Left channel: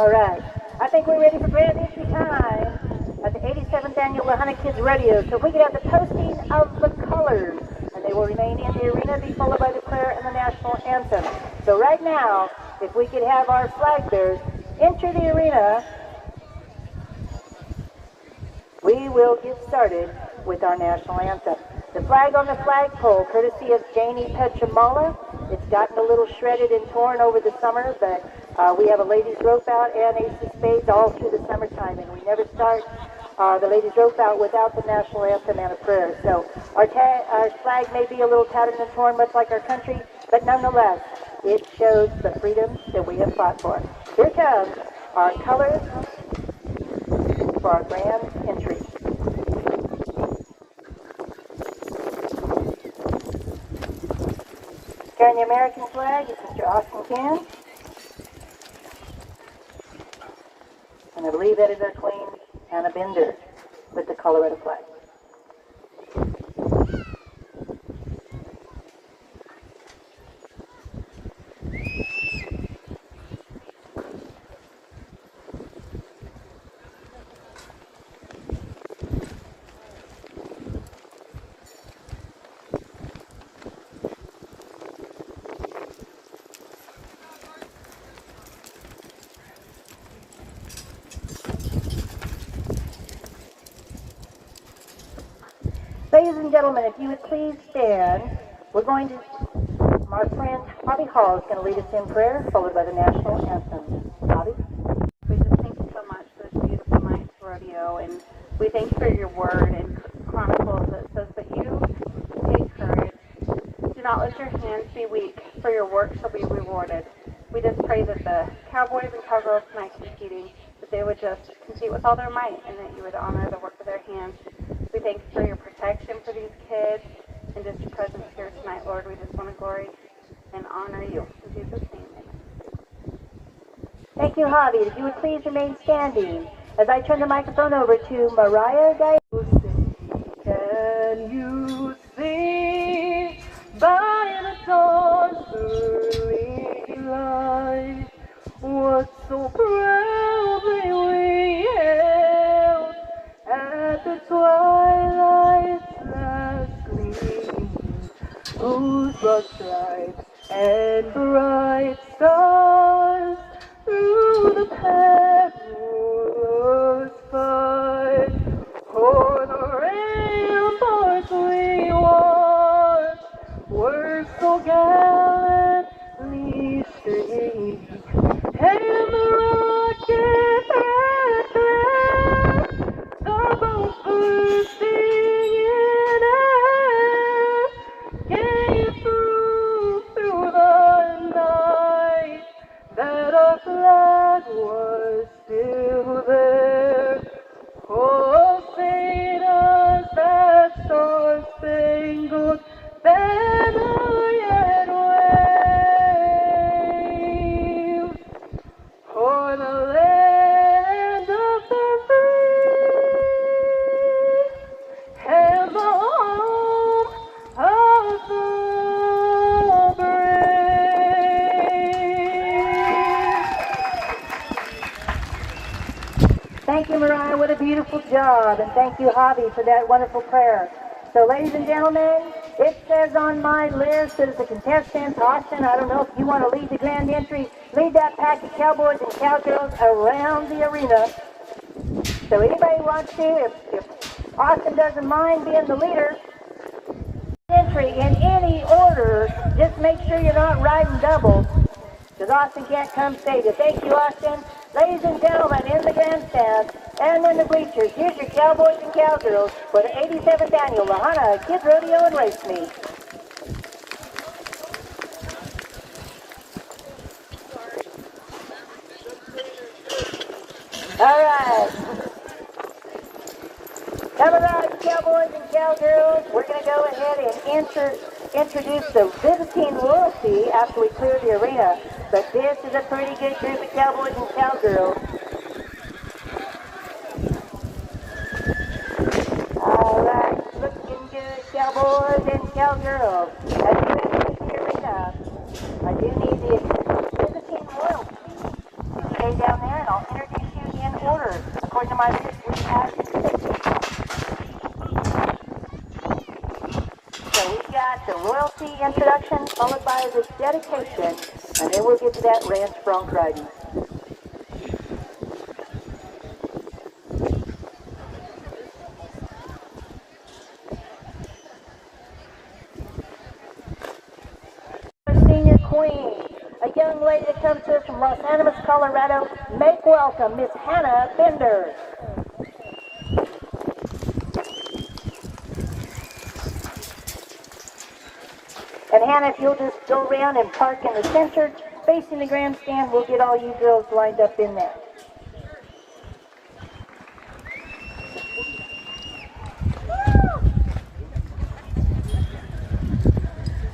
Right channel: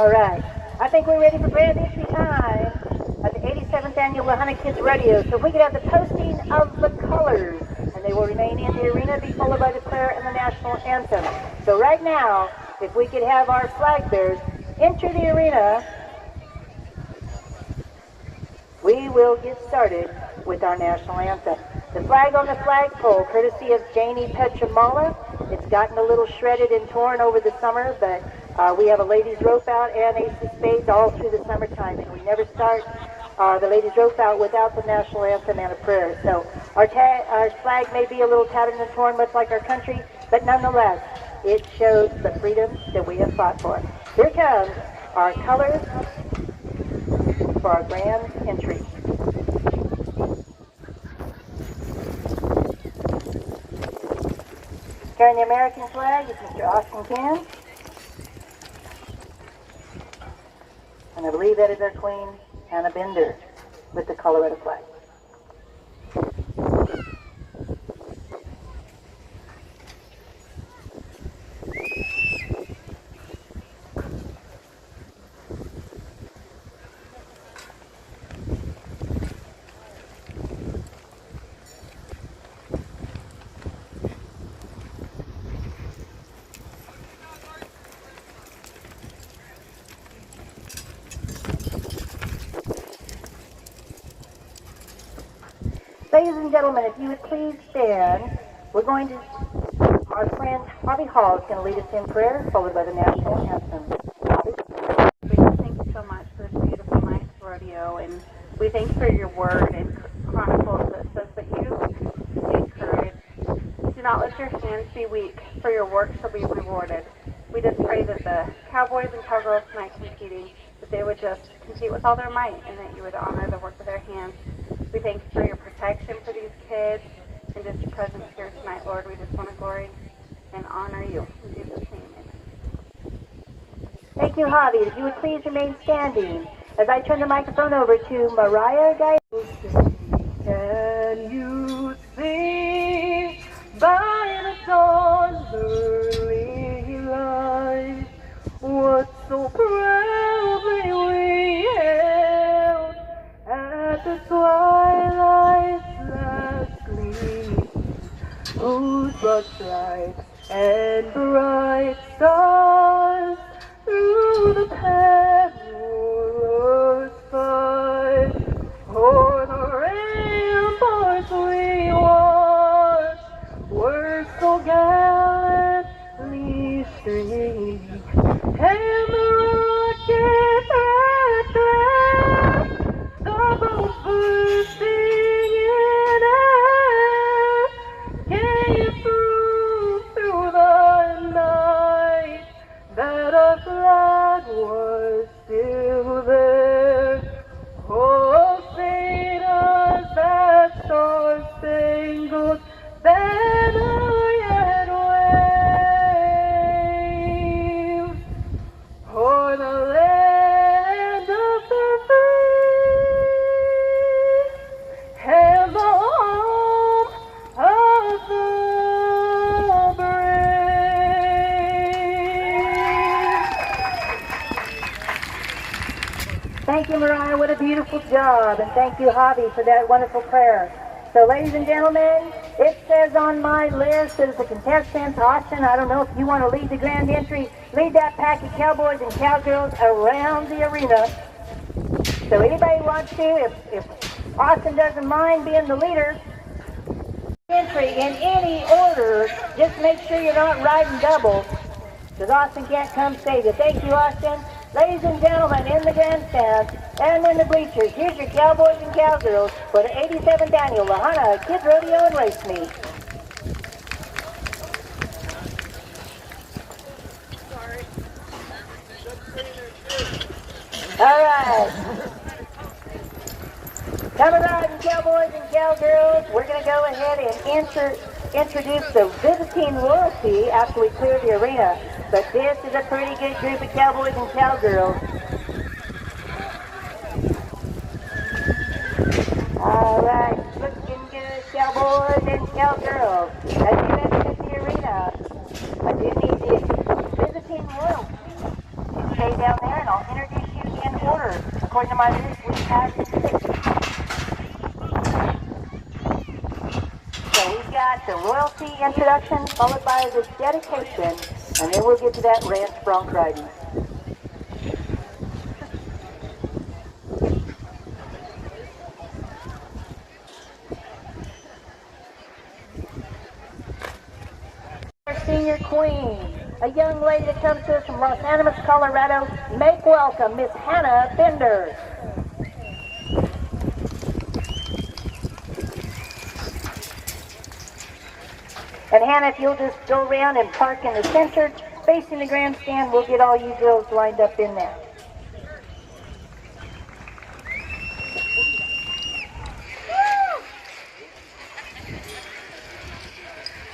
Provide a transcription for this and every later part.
All right. I think we're ready for grand entry time at the 87th Annual Lahana Kids Rodeo. So if we could have the posting of the colors, and they will remain in the arena, be followed by the prayer and the national anthem. So right now, if we could have our flag bearers enter the arena, we will get started with our national anthem. The flag on the flagpole, courtesy of Janie Petramala. It's gotten a little shredded and torn over the summer, but we have a ladies rope out and ace of spades all through the summertime, and we never start the ladies rope out without the national anthem and a prayer. So our flag may be a little tattered and torn, much like our country, but nonetheless, it shows the freedom that we have fought for. Here comes our colors for our grand entry. Carrying the American flag is Mr. Austin Can. And I believe that is our Queen, Hannah Bender, with the Colorado flag. Ladies and gentlemen, if you would please stand, our friend Bobby Hall is going to lead us in prayer, followed by the national anthem. Bobby? We thank you so much for this beautiful night's rodeo, and we thank you for your word and Chronicles that says that you take courage. Do not let your hands be weak, for your work shall be rewarded. We just pray that the Cowboys and Cowgirls tonight competing, that they would just compete with all their might, and that you would honor the work of their hands. We thank you for your protection for these kids and just your presence here tonight, Lord. We just want to glory and honor you. In Jesus' name. Thank you, Javi. If you would please remain standing as I turn the microphone over to Mariah Diane. Can you see by the dawn's early light what so proudly we hailed at the twilight's last gleam, whose broad stripes and bright stars through the perilous fight o'er the ramparts we watched were so gallantly streamed, and the rocket at the both bursting in air gave proof through the night that our flag was still there. Oh, say does that star-spangled banner yet wave o'er the land of the free and the home of the brave. Thank you, Mariah. What a beautiful job. And thank you, Javi, for that wonderful prayer. So, ladies and gentlemen, it says on my list that the contestants, Austin, I don't know if you want to lead the grand entry, lead that pack of cowboys and cowgirls around the arena. So anybody wants to, if Austin doesn't mind being the leader, entry in any order, just make sure you're not riding doubles, because Austin can't come save you. Thank you, Austin. Ladies and gentlemen, in the grandstand and in the bleachers, here's your cowboys and cowgirls for the 87th Annual Lahana Kids Rodeo and Race Meet. All right. Come around, you cowboys and cowgirls. We're going to go ahead and introduce the visiting royalty after we clear the arena. But this is a pretty good group of cowboys and cowgirls. All right, looking good, cowboys and cowgirls. As you enter the arena, I do need the visiting royalty. stay down there and I'll introduce you in order. According to my list, we had 6. So we've got the royalty introduction followed by the dedication, and then we'll get to that ranch bronc riding. Senior Queen, a young lady that comes to us from Los Angeles, Colorado. Make welcome Miss Hannah Bender. And Hannah, if you'll just go around and park in the center, facing the grandstand, we'll get all you girls lined up in there.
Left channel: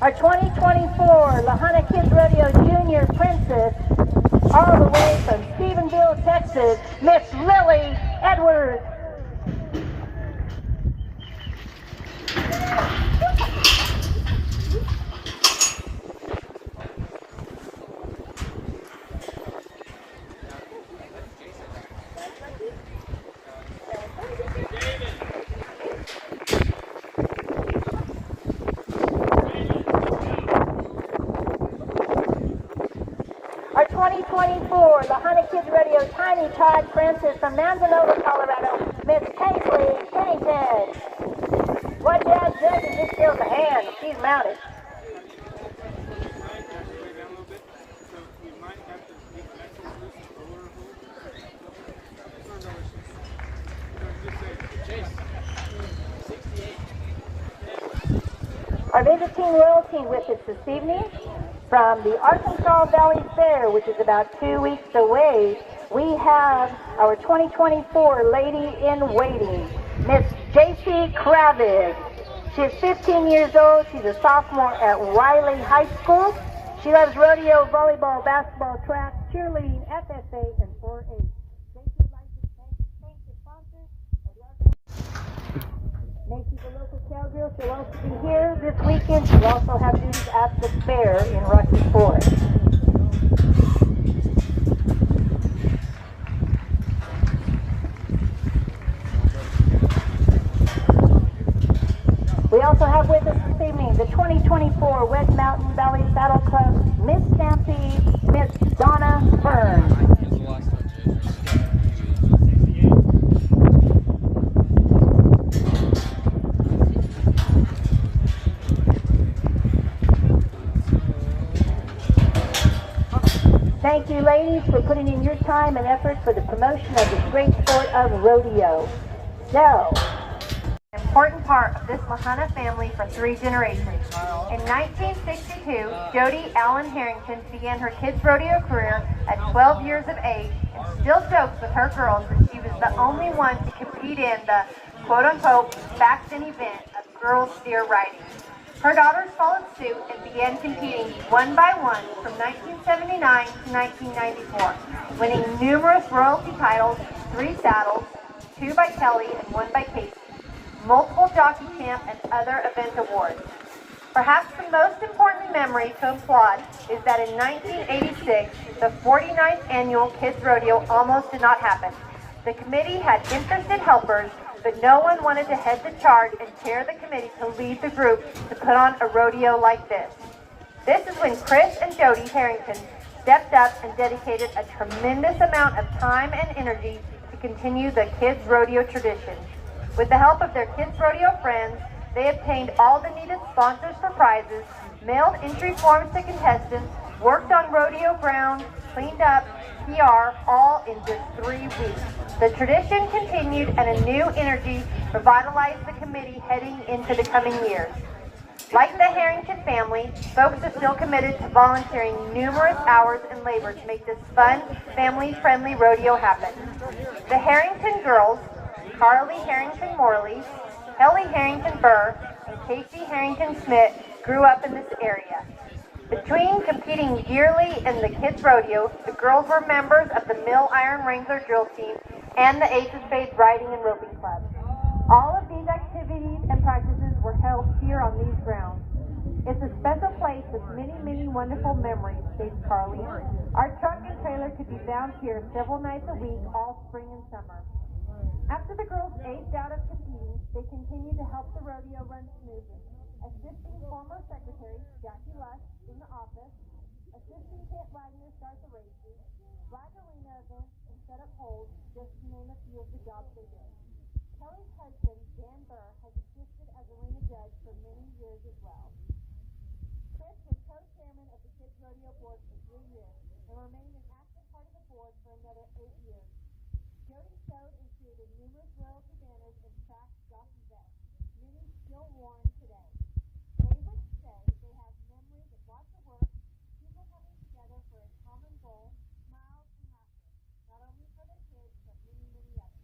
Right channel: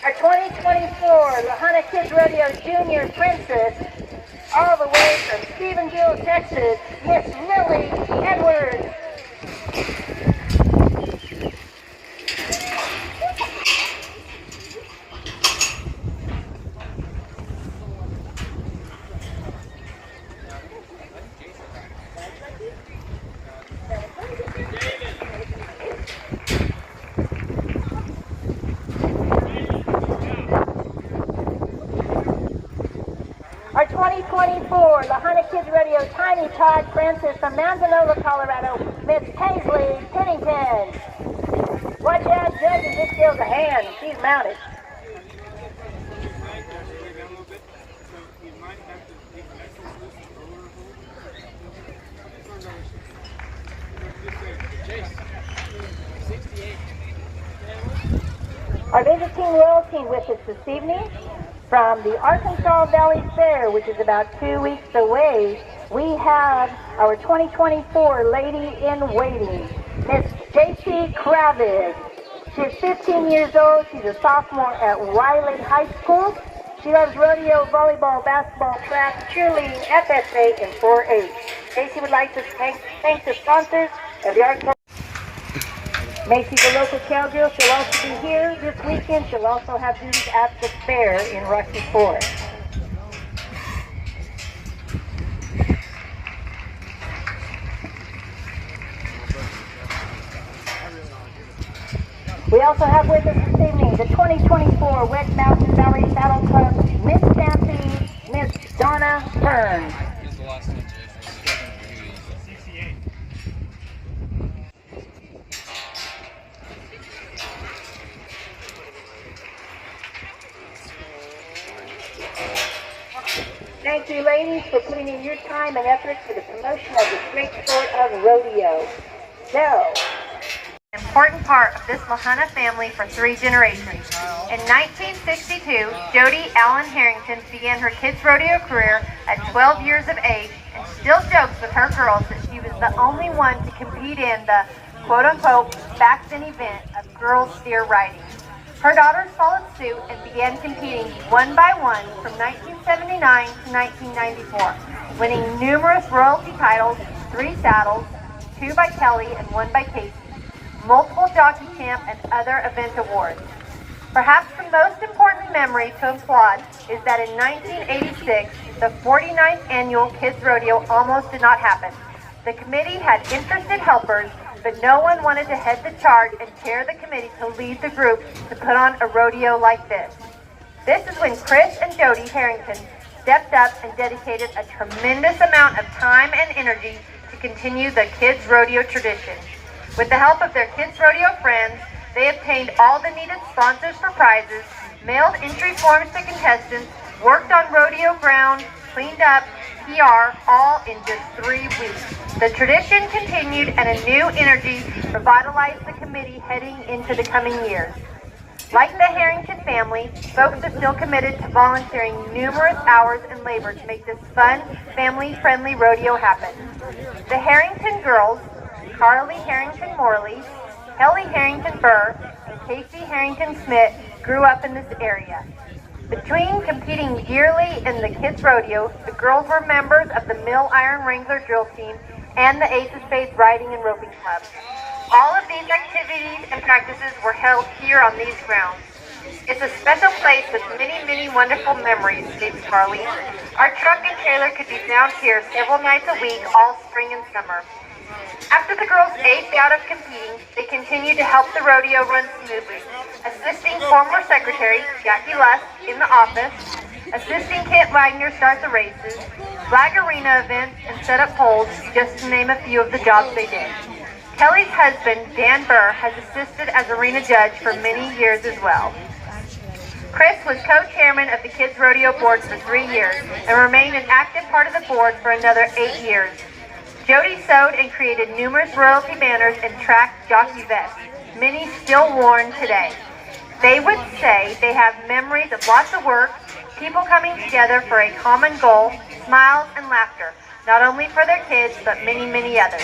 Our 2024 Lahana Kids Rodeo Junior Princess, all the way from Stephenville, Texas, Miss Lily Edwards. Our 2024 Lahana Kids Rodeo Tiny Todd Princess from Manzanilla, Colorado, Miss Paisley Pennington. Watch out, judges, this kills a hand. She's mounted. Our visiting royalty with us this evening from the Arkansas Valley Fair, which is about 2 weeks away, we have our 2024 Lady in Waiting, Miss J.C. Kravig. She's 15 years old. She's a sophomore at Wiley High School. She loves rodeo, volleyball, basketball, track, cheerleading, FSA, and 4-H. J.C. would like to thank the sponsors of the Arkansas. Macy's a local cowgirl. She'll also be here this weekend. She'll also have duties at the fair in Rocky Ford. We also have with us this evening the 2024 West Mountain Valley Saddle Club, Miss Stampy, Miss Donna Burns. Thank you, ladies, for putting in your time and effort for the promotion of this great sport of rodeo. So, an important part of this Lahana family for 3 generations. In 1962, Jody Allen Harrington began her kids rodeo career at 12 years of age and still jokes with her girls that she was the only one to compete in the quote-unquote back then event of girls steer riding. Her daughters followed suit and began competing one by one from 1979 to 1994, winning numerous royalty titles, 3 saddles, 2 by Kelly and 1 by Casey, multiple jockey champ and other event awards. Perhaps the most important memory to applaud is that in 1986, the 49th annual Kids Rodeo almost did not happen. The committee had interested helpers, but no one wanted to head the charge and chair the committee to lead the group to put on a rodeo like this. This is when Chris and Jody Harrington stepped up and dedicated a tremendous amount of time and energy to continue the kids rodeo tradition. With the help of their kids rodeo friends, they obtained all the needed sponsors for prizes, mailed entry forms to contestants, worked on rodeo grounds, cleaned up, PR, all in just 3 weeks. The tradition continued and a new energy revitalized the committee heading into the coming years. Like the Harrington family, folks are still committed to volunteering numerous hours and labor to make this fun, family-friendly rodeo happen. The Harrington girls, Carly Harrington Morley, Kelly Harrington Burr, and Casey Harrington Smith, grew up in this area. Between competing yearly in the Kids Rodeo, the girls were members of the Mill Iron Wrangler drill team and the Ace of Spades Riding and Roping Club. All of these activities and practices were held here on these grounds. It's a special place with many, many wonderful memories, states Carly. Our truck and trailer could be found here several nights a week all spring and summer. After the girls aged out of competing, they continued to help the rodeo run smoothly, assisting former secretary Jackie Lusk in the office, assisting Kent Wagner start the races, flag arena events, and set up poles, just to name a few of the jobs they did. Kelly's husband, Dan Burr, has assisted as arena judge for many years as well. Chris was co-chairman of the Kids Rodeo Board for 3 years and remained an active part of the board for another 8 years. Jody sewed and created numerous royalty banners and track jockey vests, many still worn today. They would say they have memories of lots of work, people coming together for a common goal, smiles and laughter, not only for their kids, but many, many others.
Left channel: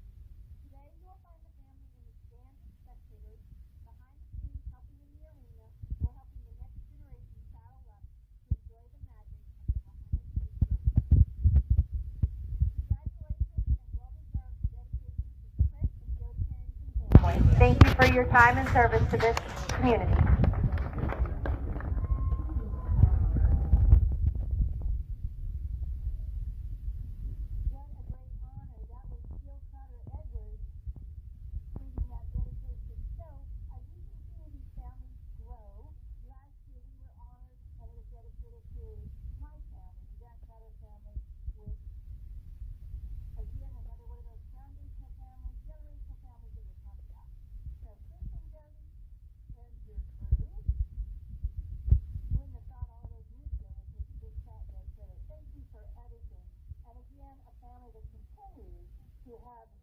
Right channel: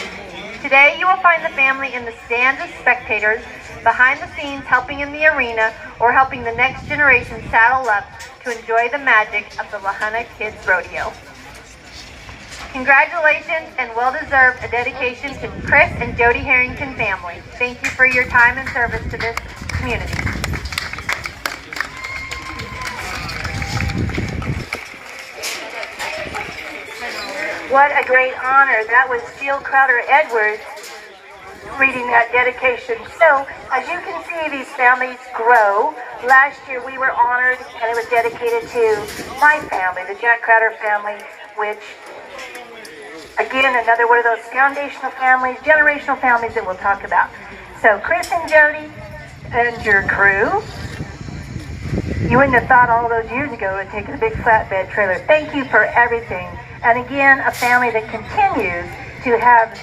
Today, you will find the family in the stands as spectators, behind the scenes helping in the arena, or helping the next generation saddle up to enjoy the magic of the Lahana Kids Rodeo. Congratulations and well-deserved a dedication to Chris and Jody Harrington family. Thank you for your time and service to this community. What a great honor. That was Jill Crowder-Edwards reading that dedication. So, as you can see, these families grow. Last year we were honored, and it was dedicated to my family, the Jack Crowder family, which, again, another one of those foundational families, generational families that we'll talk about. So, Chris and Jody and your crew, you wouldn't have thought all those years ago of taking a big flatbed trailer. Thank you for everything. And again, a family that continues to have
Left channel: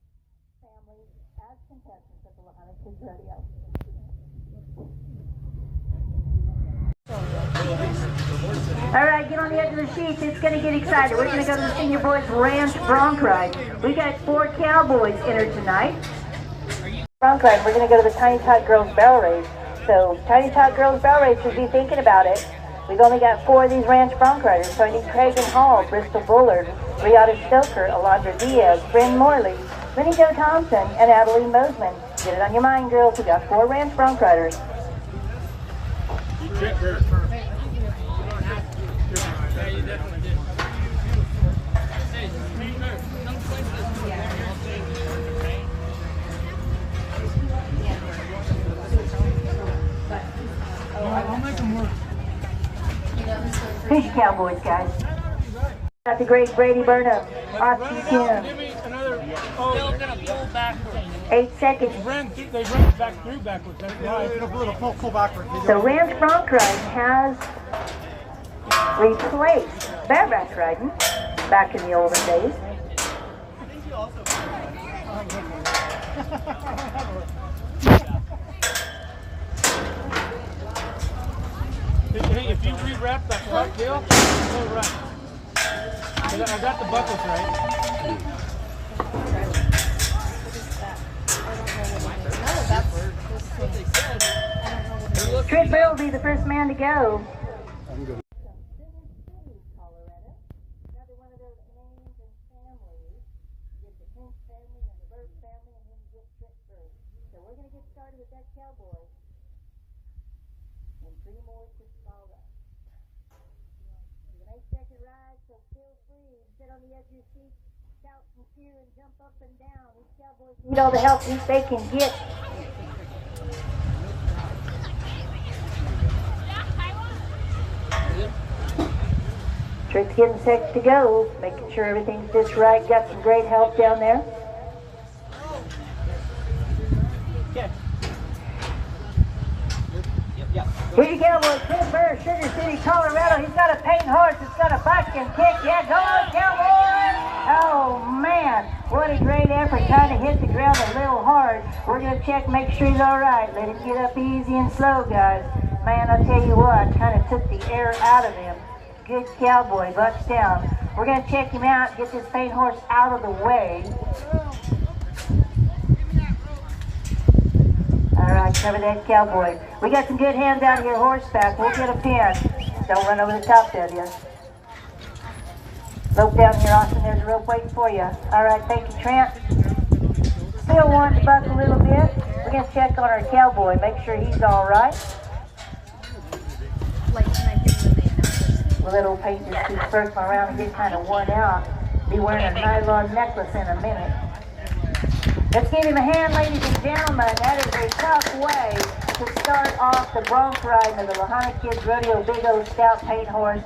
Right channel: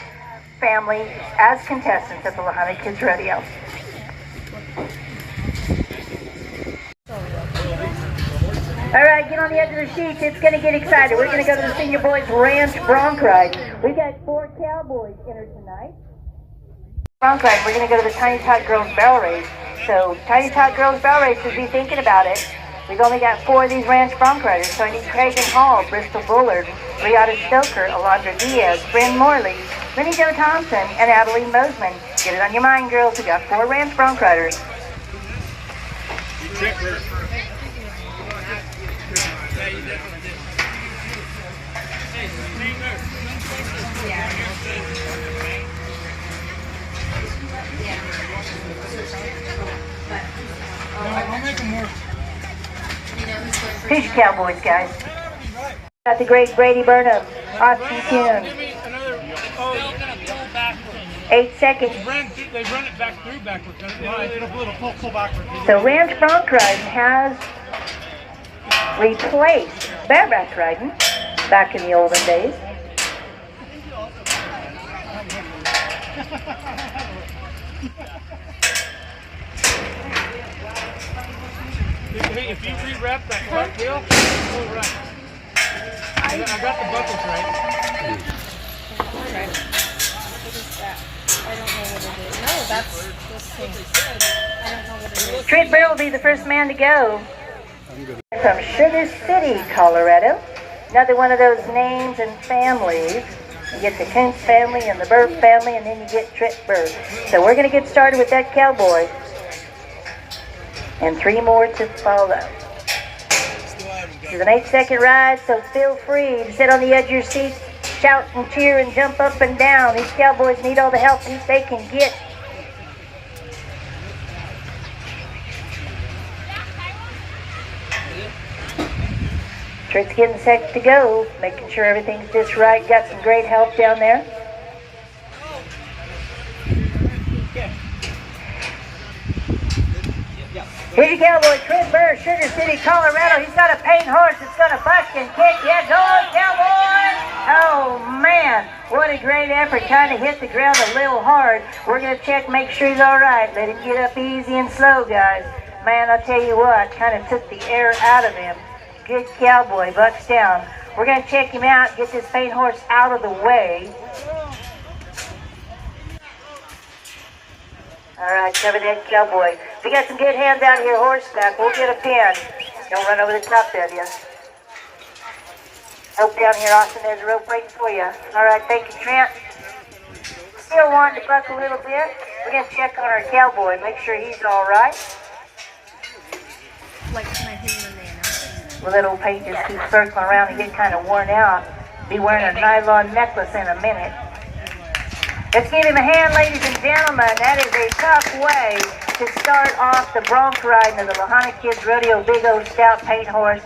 family as contestants at the Lahana Kids Rodeo. All right, get on the edge of the sheets. It's going to get excited. We're going to go to the Senior Boys Ranch Bronc Ride. We got 4 cowboys entered tonight. Bronc Ride, we're going to go to the Tiny Tot Girls Barrel Race. So, Tiny Tot Girls Barrel Race should be thinking about it. We've only got 4 of these ranch bronc riders, so I need Craig Hall, Bristol Bullard, Riata Stoker, Alondra Diaz, Bryn Morley, Minnie Jo Thompson, and Adeline Bozeman. Get it on your mind, girls. We got 4 ranch bronc riders. I'll make them work. Here's your cowboys, guys. Got the great Brady Burnham, Austin Kuhn. Give me another. Oh, they're gonna pull backwards. 8 seconds. They run it back through backwards. It'll pull backwards. So Ranch Bronc Riding has replaced bareback riding back in the olden days. Hey, if you rewrap that front heel, go right. I got the buckles right. Trent Burr will be the first man to go. From Sugar City, Colorado. Another one of those names and families. You get the Kuntz family and the Burr family, and then you get Trent Burr. So we're going to get started with that cowboy. And 3 more to follow. This is an 8-second ride, so feel free to sit on the edge of your seat, shout and cheer and jump up and down. These cowboys need all the help they can get. Trent's getting set to go, making sure everything's just right. Got some great help down there. Here's your cowboy, Trent Burr, Sugar City, Colorado. He's got a paint horse that's going to buck and kick. Yeah, go on, cowboy! Oh, man, what a great effort. Kind of hit the ground a little hard. We're going to check, make sure he's all right. Let him get up easy and slow, guys. Man, I'll tell you what, kind of took the air out of him. Good cowboy, bucks down. We're going to check him out, get this paint horse out of the way. All right, cover that cowboy. We got some good hands out here horseback. We'll get a pin. Don't run over the top of you. Rope down here, Austin. There's a rope waiting for you. All right, thank you, Trent. Still wanting to buck a little bit. We're going to check on our cowboy, make sure he's all right. little pages keep circling around and get kind of worn out. Be wearing a nylon necklace in a minute. Let's give him a hand, ladies and gentlemen. That is a tough way to start off the Bronc riding of the Lahana Kids Rodeo Big O Stout Paint Horse.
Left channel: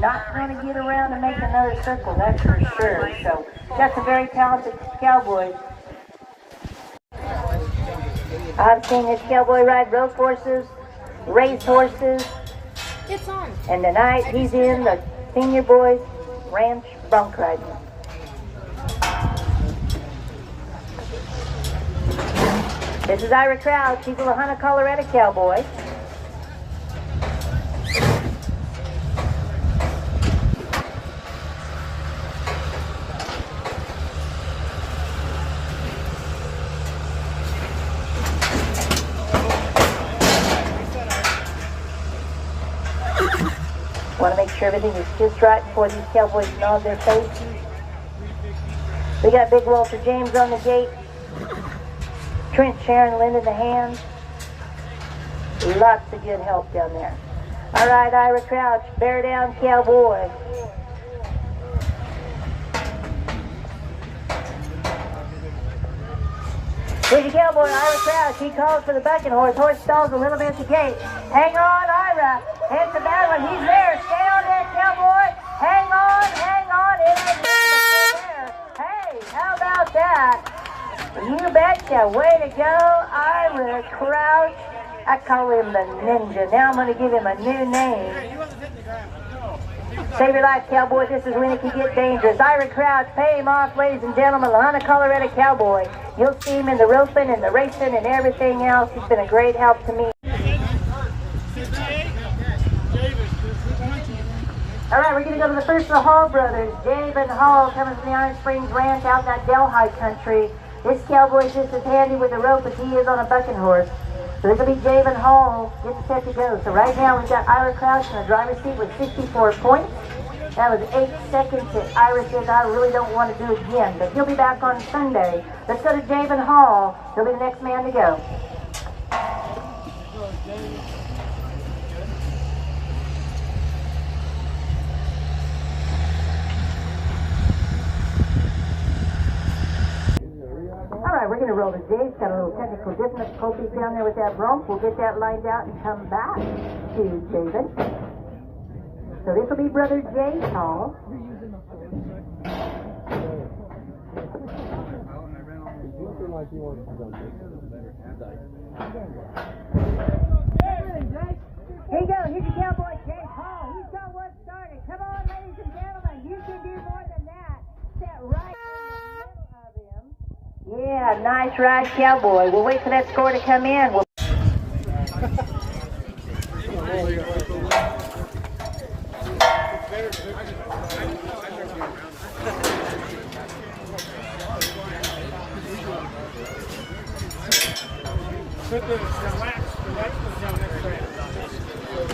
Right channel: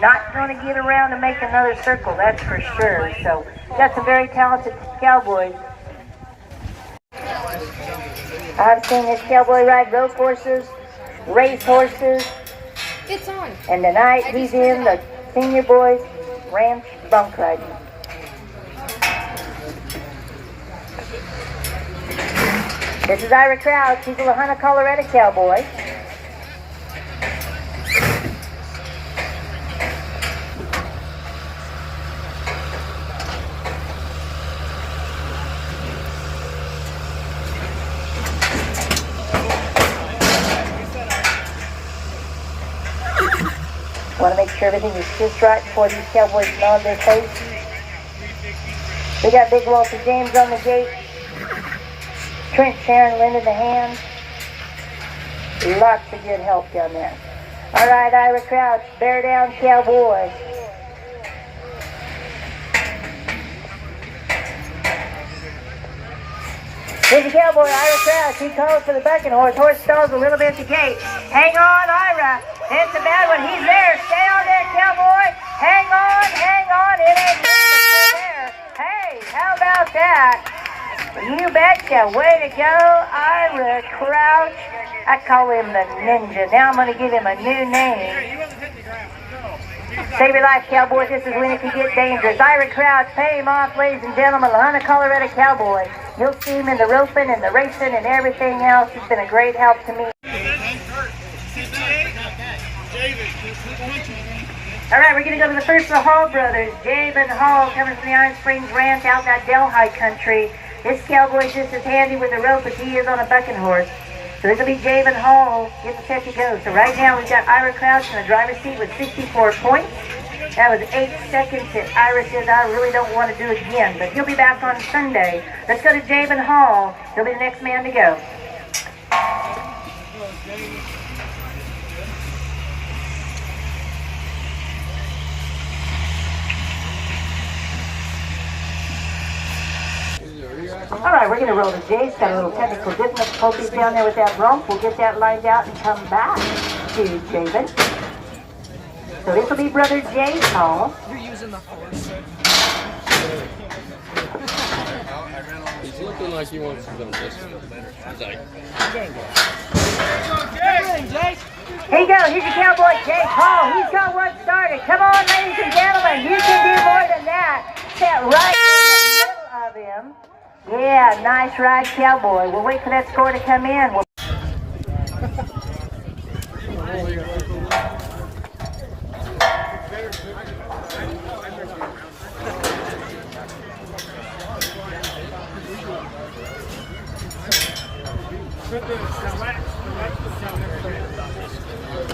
Not going to get around to make another circle, that's for sure. So, got some very talented cowboys. I've seen this cowboy ride rope horses, race horses, It's on. and tonight he's in the Senior Boys Ranch bunk riding. This is Ira Crouch. He's a Lahana, Colorado cowboy. Want to make sure everything is just right before these cowboys nod their face. We got Big Walter James on the gate. Trent Sharon lending a hand. Lots of good help down there. All right, Ira Crouch, bear down cowboy. Here's the cowboy, Ira Crouch. He calls for the bucking horse. Horse stalls a little bit at the gate. Hang on, Ira. It's a bad one. He's there. Stay on there, cowboy. Hang on, hang on. It ain't good, but you're there. Hey, how about that? You betcha. Way to go, Ira Crouch. I call him the Ninja. Now I'm going to give him a new name. Save your life, cowboy. This is when it can get dangerous. Ira Crouch, pay him off, ladies and gentlemen. Lahana, Colorado cowboy. You'll see him in the roping and the racing and everything else. He's been a great help to me. All right, we're going to go to the first of the Hall brothers. Javen Hall coming from the Iron Springs Ranch out in that Delhi country. This cowboy's just as handy with a rope as he is on a bucking horse. So this will be Javen Hall getting set to go. So right now we've got Ira Crouch in the driver's seat with 64 points. That was 8 seconds that Ira says I really don't want to do again, but he'll be back on Sunday. Let's go to Javen Hall. He'll be the next man to go. All right, we're going to roll the J's. Got a little technical difficulties down there with that Bronc. We'll get that lined out and come back to Javen. So this will be Brother Jay's Hall. He's looking like he wants to dump this. He's like, Here you go. Here's your cowboy, Jay Hall. He's got one started. Come on, ladies and gentlemen. You can do more than that. Set right in the middle of him. Yeah, nice ride, cowboy. We'll wait for that score to come in. Put the wax was on this thing.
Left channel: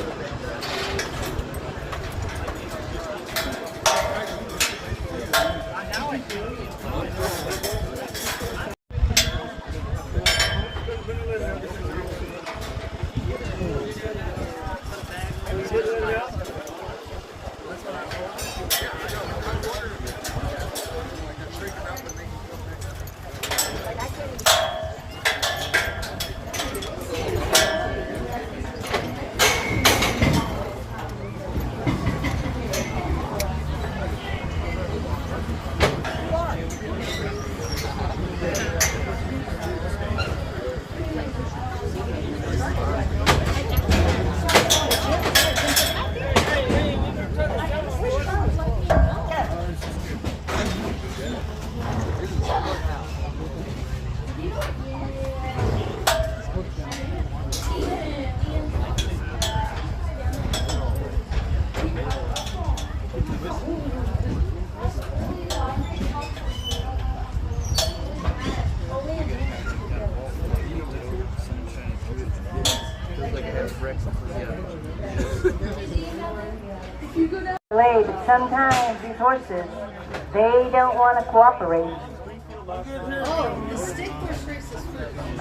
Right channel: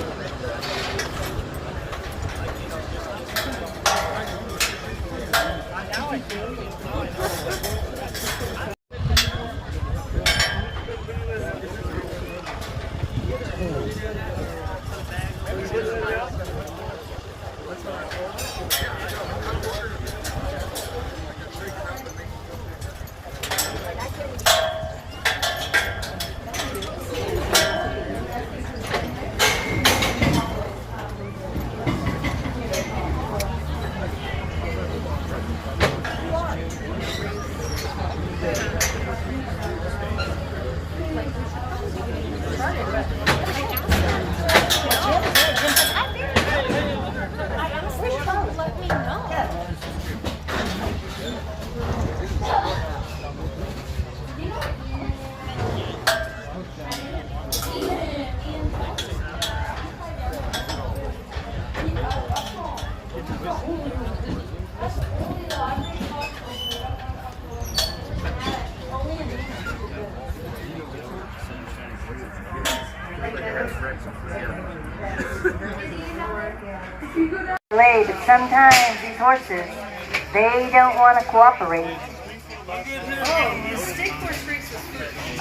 But sometimes these horses, they don't want to cooperate.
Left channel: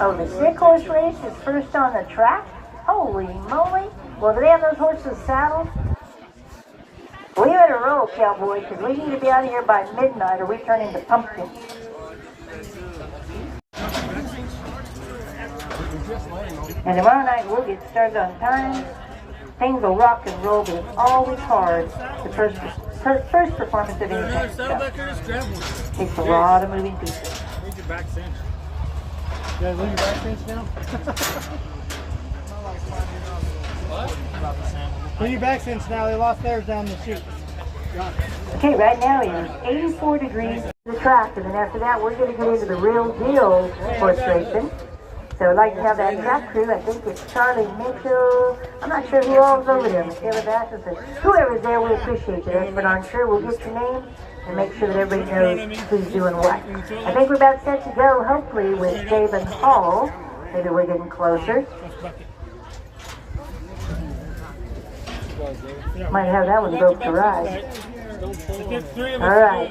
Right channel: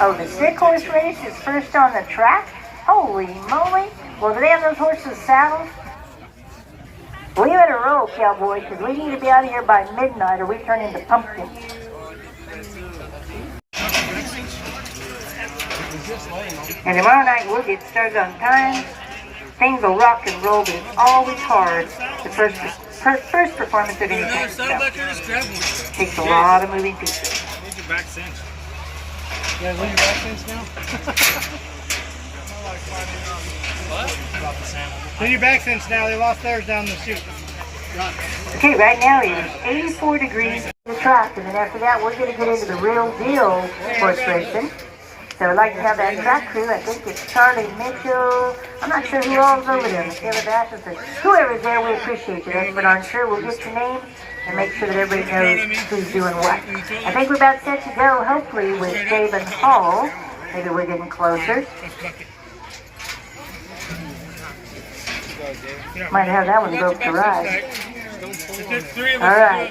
Oh, the stick horse race is first on the track? Holy moly. Well, do they have those horses saddled? We better roll, cowboys, because we need to be out of here by midnight or we turn into pumpkins. And tomorrow night we'll get started on time. Things will rock and roll, but it's always hard. The first performance of any kind of stuff takes a lot of moving pieces. Need your back cinch. You guys leave your back cinch now? What? Leave your back cinch now. They lost theirs down the chute. Okay, right now it is 84 degrees in the track, and then after that we're going to get into the real deal horse racing. So I'd like to have that track crew. I think it's Charlie Mitchell. I'm not sure who all's over there. Michaela Bassett, but whoever's there, we appreciate you. But I'm sure we'll get your name and make sure that everybody knows who's doing what. I think we're about set to go, hopefully, with David Hall. Maybe we're getting closer. Might have that one go for the ride. All right.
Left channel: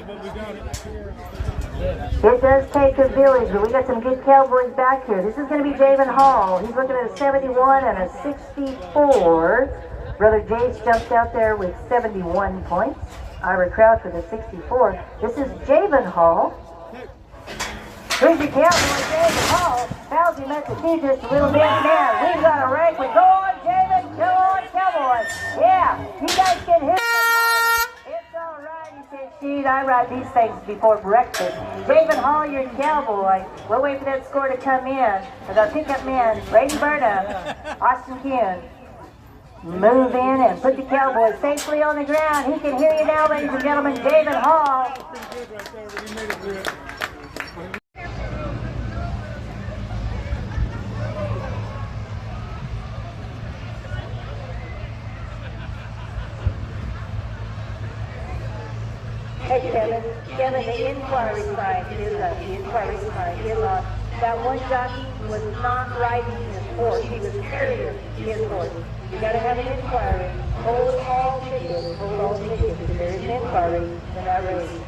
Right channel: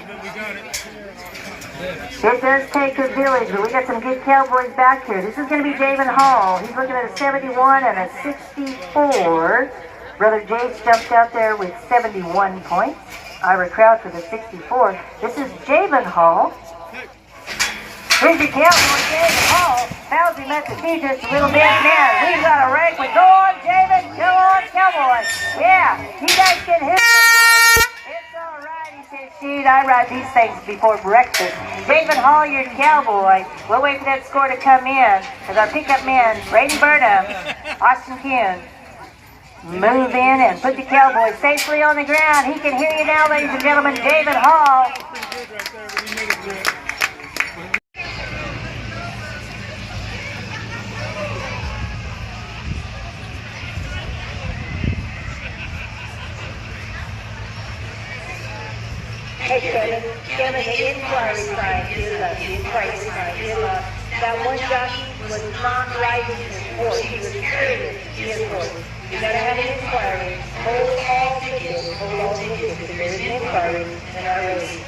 It does take a village, but we got some good cowboys back here. This is going to be David Hall. He's looking at a 71 and a 64. Brother Jace jumped out there with 71 points. Ira Crouch with a 64. This is Javen Hall. Here's your cowboy, Javen Hall. Fauzi Massachusetts, a little bit man. We've got a rank with go on, Javen. Go on, cowboy. Yeah, you guys can hit. Shoot, I ride these things before breakfast. David Hall, your cowboy. We'll wait for that score to come in as our pickup men, Brady Burnham, Austin Kuhn, move in and put the cowboy safely on the ground. He can hear you now, ladies and gentlemen. David Hall. Hey, Kevin, the inquiry side is the inquiry side is that one jockey was not riding his horse. He was carrying his horse. You gotta have an inquiry. Hold all tickets. Hold all tickets because there's an inquiry in our race.